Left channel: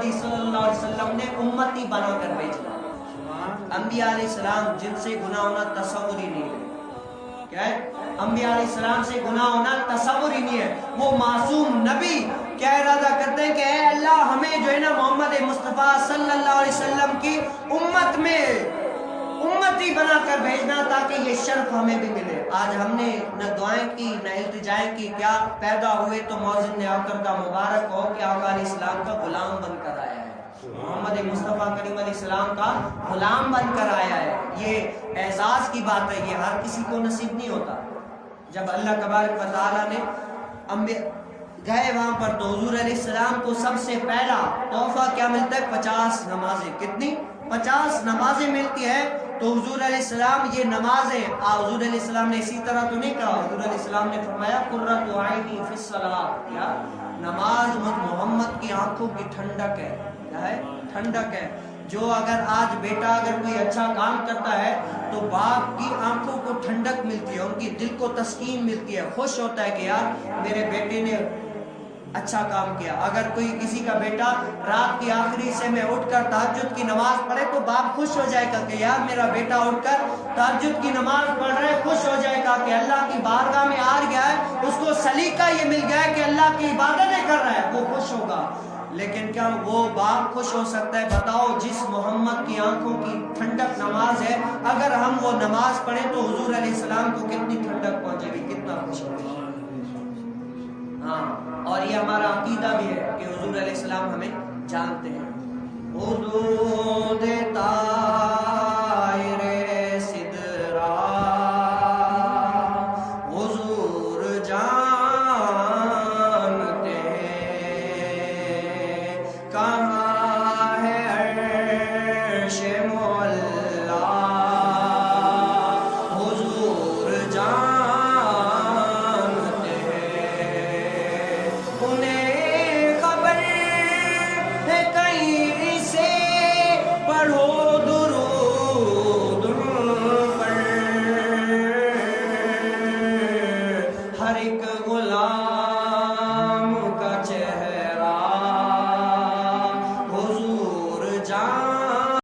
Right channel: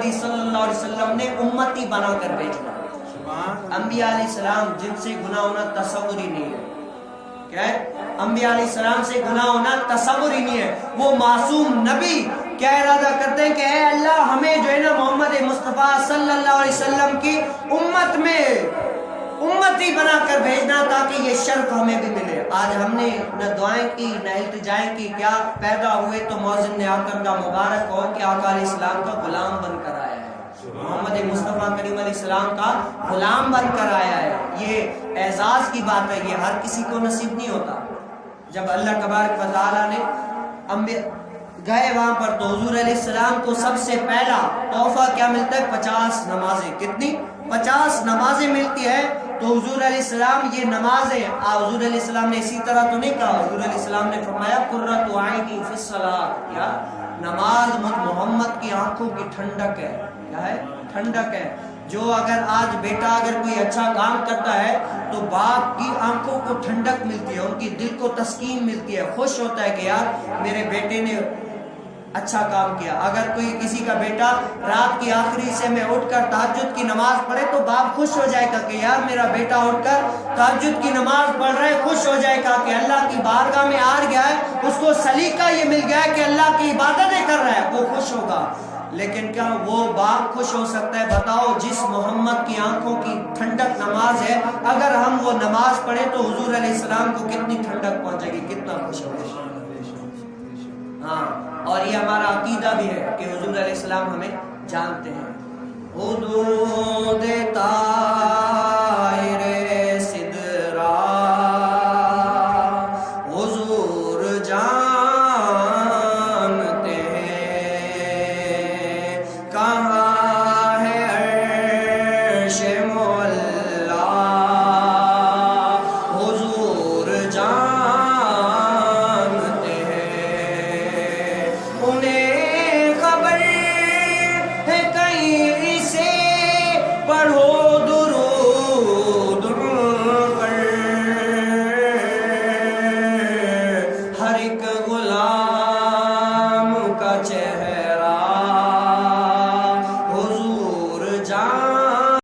محمدی صلی اللہ علیہ وسلم نے امتی بنا کر بھیجا. انبیاء علیہ السلام جن سے گناہ ہونا تصور ہی نہیں ہے. کیا ہے؟ انبیاء علیہ السلام سے گناہ ہونا تصور ہی نہیں ہے. وہ معصوم نبی کیا ارادہ کرتے ہیں کہ اے اللہ ہمیں جو ہے نا محمد مصطفیٰ صلی اللہ علیہ وسلم کی امت میں امتی بنا کر بھیجنا تاکہ یہ شرف ہمیں بھی ملے. آج ہم نے نہ دعائیں کی نہ التجائیں کی. کیا پیدا ہوئے تو مؤذن آقا کا مبارک ہو کہ آقا علیہ السلام کا غلام بن کر آیا ہے. محمد مصطفیٰ کریم علیہ السلام کا غلام بن کر آیا ہے. یہ اعزاز کی بات ہے. یہ ہر کسی کو نصیب نہیں ہوتا. جب اللہ تبارک و تعالیٰ نے گئے وہاں پر تو حضور علیہ السلام کو سب سے پہلا تحفہ کیا ملتا ہے؟ 50 نمازیں. کتنی؟ 50 نمازیں ملتی ہے. تو حضور علیہ السلام یہ نمازیں حضور علیہ السلام نے اسی طرح تو نہیں کہا. حضور علیہ السلام نے فرمایا قرۃ عینی فی الصلاۃ. یا نماز محمد کی آنکھوں کی ٹھنڈک ہے. کیا ہے؟ ٹھنڈک ہے. جو اگر آج بیٹا اگر کوئی اچھا کام کرتا ہے تو باپ کی آنکھوں کو ٹھنڈک ملتی ہے, ان کی دل کو تسکین ملتی ہے, خوش ہوتا ہے کہ یار میرے بیٹے نے اچھا کام کیا. اگر کوئی کسی کا بیٹا رات کی آخری حصے میں اٹھ کر تہجد کی نماز پڑھے تو باپ خوش ہو جائے گا کہ یار میرا بیٹا اٹھ کر تہجد کی نماز پڑھ رہا ہے. خوش ہو جائے گا کہ اللہ کی بارگاہ میں آ گیا ہے, اس کو سلیقہ یہ مل گیا ہے کہ اللہ کی عبادتیں کر رہا ہے, وہ خوش ہوگا. لیکن کیا وہ باپ خوش ہو سکتا ہے؟ بتاؤ جس محمد کی آنکھوں کی ٹھنڈک نماز ہے, اگر ہم وہ نماز پڑھیں تو حضور علیہ السلام کو کتنی ٹھنڈک پہنچے گی, کتنا خوش ہوگا. ہاں, اور یہ ہمارا عقیدہ بھی ہے کہ حضور علیہ السلام ہمیں جانتے ہیں. حدود